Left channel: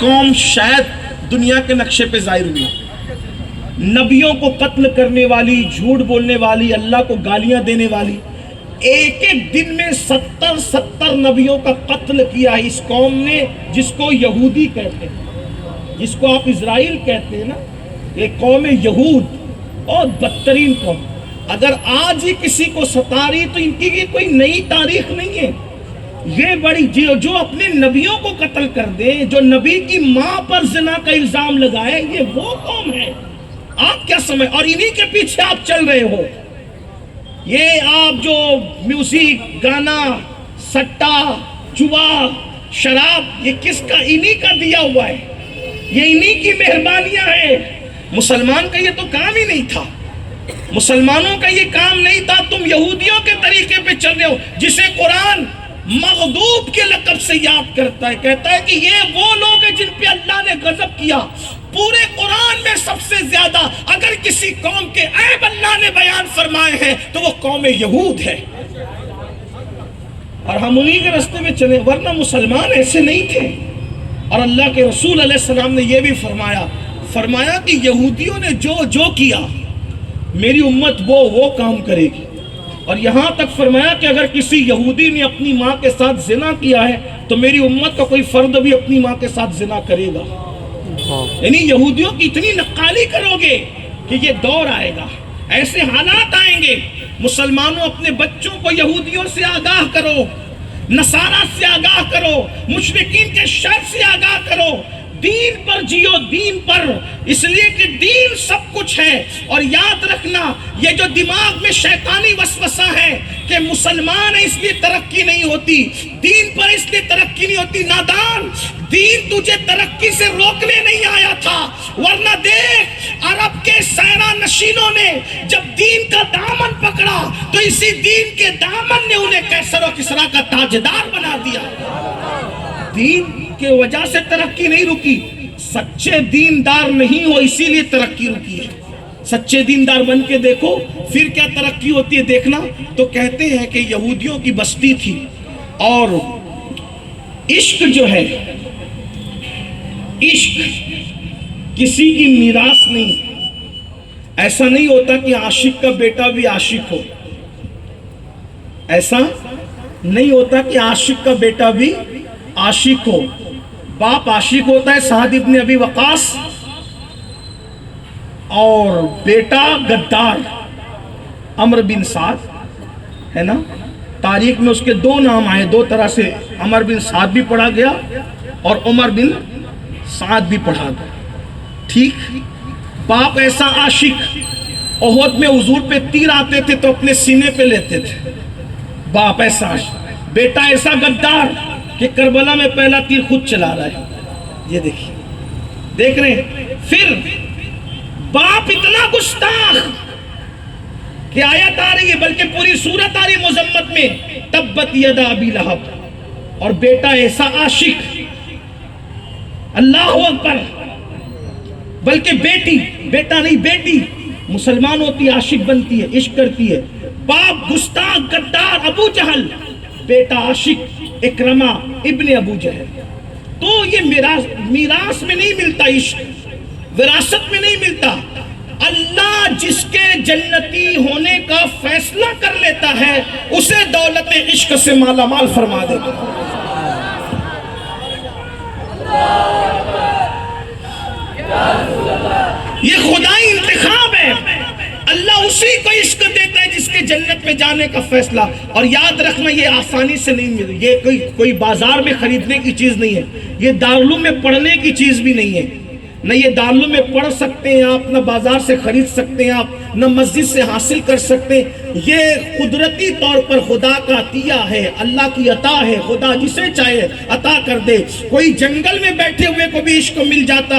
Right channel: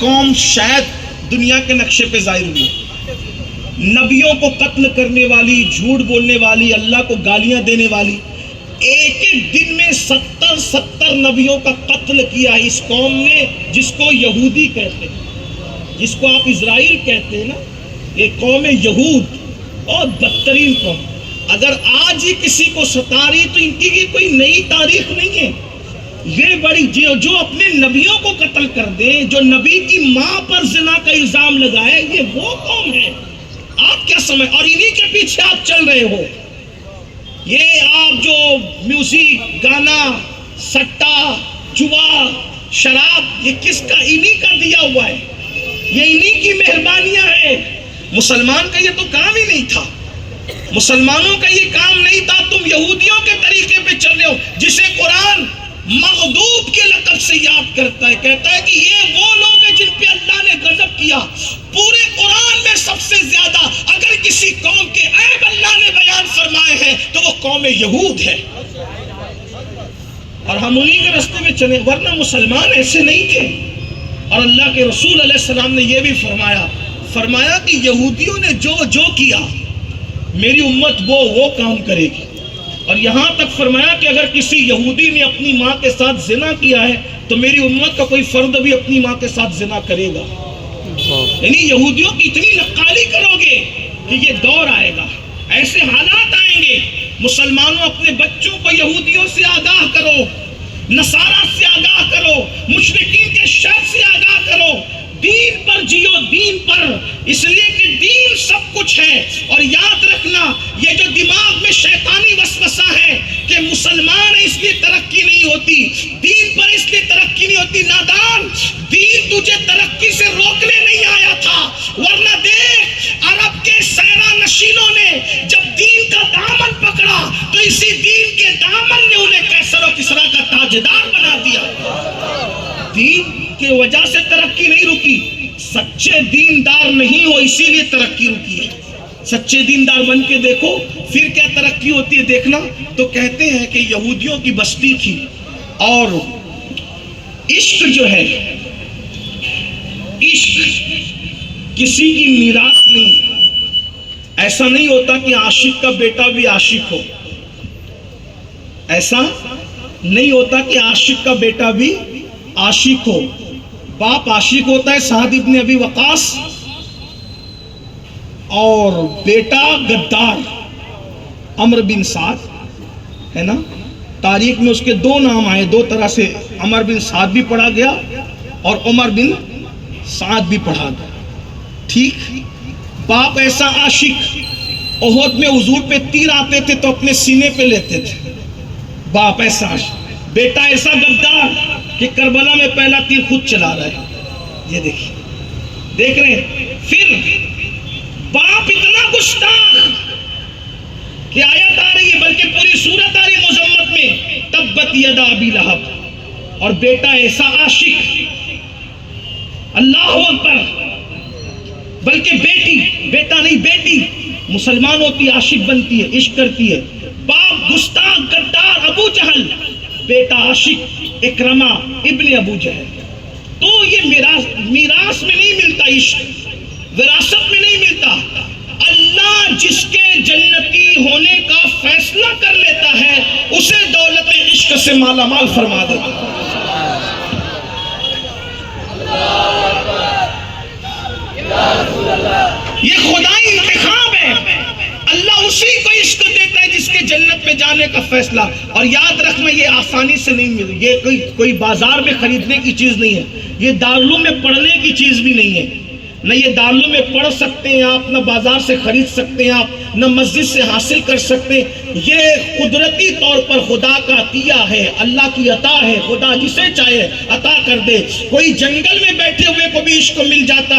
قوم شاید دنیا کے نقشے پہ ظاہر ہوئی، نبیوں کو قتل کرنے والی، جھوٹ بولنے والی، اللہ کو گالیاں دینے والی، ایک ایک دن میں 70 نبیوں کا قتل کیا اس قوم نے، جس کو یہودی کہتے ہیں، جس کو آپ اسرائیل کہتے ہیں نا، یہ قوم یہود بہت بدترین قوم۔ اگر آج ہی کسی کو ستا رہی تو ان کی کوئی نئی تاریخ نہیں ہے، یہ بڑی جو اپنے نبیوں کو قتل کر دے، جو نبی کی ماں پر زنا کا الزام لگائے، یہ وہ قوم ہے۔ آپ کیا سمجھ، اور انہی کے پیچھے آپ چل رہے ہو۔ یہ آپ جو میوزک، گانا، سٹا، جوا، شراب، یہ کس کا؟ انہی کا دیا ہوا ہے، یہ انہی کی مہربانیاں ہیں۔ مسلمان کا یہ تو کام ہی نہیں تھا، مسلمانوں کا یہ کام نہیں تھا۔ تم یہودیوں کے طریقے پہ چل رہے ہو، جسے قرآن مغضوب کے لقب سے یاد کرتا ہے، کہتا ہے کہ یہ وہ لوگ ہیں جن پہ اللہ نے غضب کیا۔ پورے قرآن میں سب سے زیادہ اگر کسی قوم کے عیب اللہ نے بیان فرمائے ہیں تو وہ قوم یہود ہے، اور ہم انہی کے راستے میں چلے، ورنہ مسلمان ایسے نہیں تھے۔ اور اللہ کے رسول علیہ السلام نے یہ بھی فرمایا کہ یہودیوں نے جو کیا میری امت وہ کام کرے گی۔ اور یہاں تک فرمایا کہ اگر کسی یہودی نے اپنی ماں کے ساتھ زنا کیا ہے تو میری امت کا کوئی فرد بھی اپنی ماں کے ساتھ زنا کرے گا۔ یعنی یہودیوں کی اتنی نقالی کرو گے کہ یہ دور آئے گا، ایسے حالات آئیں گے۔ مسلمانوں اپنے بچوں کو یہودیوں سے آگاہ کرو، نصارہ سے آگاہ کرو، مشرکین کے شر سے آگاہ کرو، دین پر جیو، دین پر، اس لیے کہ دین سب کچھ ہے۔ اور یاد رکھنا، یہ جو دماغ میں شیطانی وسوسہ ہے کہ مسلمان ہے اس لیے ترقی نہیں ہوتی، دین پر اس لیے ترقی نہیں ہوتی، نادان، دین تجھے ترقی سے روکنے نہیں آیا تھا۔ ورنہ دیکھ، عرب کے سیرا نشینوں نے جب دین کا دامن پکڑا تو اسی دین کے دامن نے انہیں کیسر و کسریٰ کا تاجدار بنا دیا۔ دین کی وجہ سے ترقی نہیں رکی، سچے دیندار نہیں ہو اسی لیے ترقی رکی ہے۔ سچے دیندار بن کے دیکھو پھر کیا ترقی ہوتی ہے، دیکھنا۔ تو کہتے ہیں کہ یہودیوں کی بستی تھی، اور عشق جو ہے، عشق کسی کی میراث نہیں۔ ایسا نہیں ہوتا کہ عاشق کا بیٹا بھی عاشق ہو، ایسا نہیں ہوتا کہ عاشق کا بیٹا بھی عاشق ہو۔ باپ عاشق ہوتا ہے، سعد ابن ابی وقاص، اور بیٹا غدار عمرو بن سعد ہے نا۔ تاریخ میں اس کے دو نام آئے، دو طرح سے، عمرو بن سعد بھی پڑھا گیا اور عمر بن سعد بھی پڑھا گیا، ٹھیک۔ باپ ایسا عاشق، احد میں حضور پہ تیر آتے تھے تو اپنے سینے پہ لیتے تھے، باپ ایسا عاشق۔ بیٹا ایسا غدار کہ کربلا میں پہلا تیر خود چلا رہا ہے، یہ دیکھیں، دیکھ رہے ہیں۔ پھر باپ اتنا گستاخ کہ آیت آ رہی ہے، بلکہ پوری سورت آ رہی ہے مذمت میں، تبت یدا ابی لہب، اور بیٹا ایسا عاشق، اللہ اکبر، بلکہ بیٹی، بیٹا نہیں بیٹی مسلمان ہوتی، عاشق بنتی ہے، عشق کرتی ہے۔ باپ گستاخ غدار ابو جہل، بیٹا عاشق اکرمہ ابن ابو جہل۔ تو یہ میراث میں نہیں ملتا، عشق وراثت میں نہیں ملتا۔ اللہ جس کے جنتی ہونے کا فیصلہ کر لیتا ہے اسے دولت عشق سے مالا مال فرما دیتا ہے۔ یہ خدائی انتخاب ہے، اللہ اسی کو عشق دیتا ہے جس کے جنت میں جانے کا فیصلہ۔ اور یاد رکھنا، یہ آسانی سے نہیں ملے، یہ کوئی بازار میں خریدنے کی چیز نہیں ہے، یہ دارالعلوم میں پڑھنے کی چیز بھی نہیں ہے۔ نہ یہ دارالعلوم میں پڑھ سکتے ہیں آپ، نہ بازار سے خرید سکتے ہیں آپ، نہ مسجد سے حاصل کر سکتے ہیں۔ یہ قدرتی طور پر خدا کا عطیہ ہے، اللہ کی عطا ہے، خدا جسے چاہے عطا کر دے۔ کوئی جنگل میں بیٹھے ہوئے کو بھی عشق مل جاتا ہے۔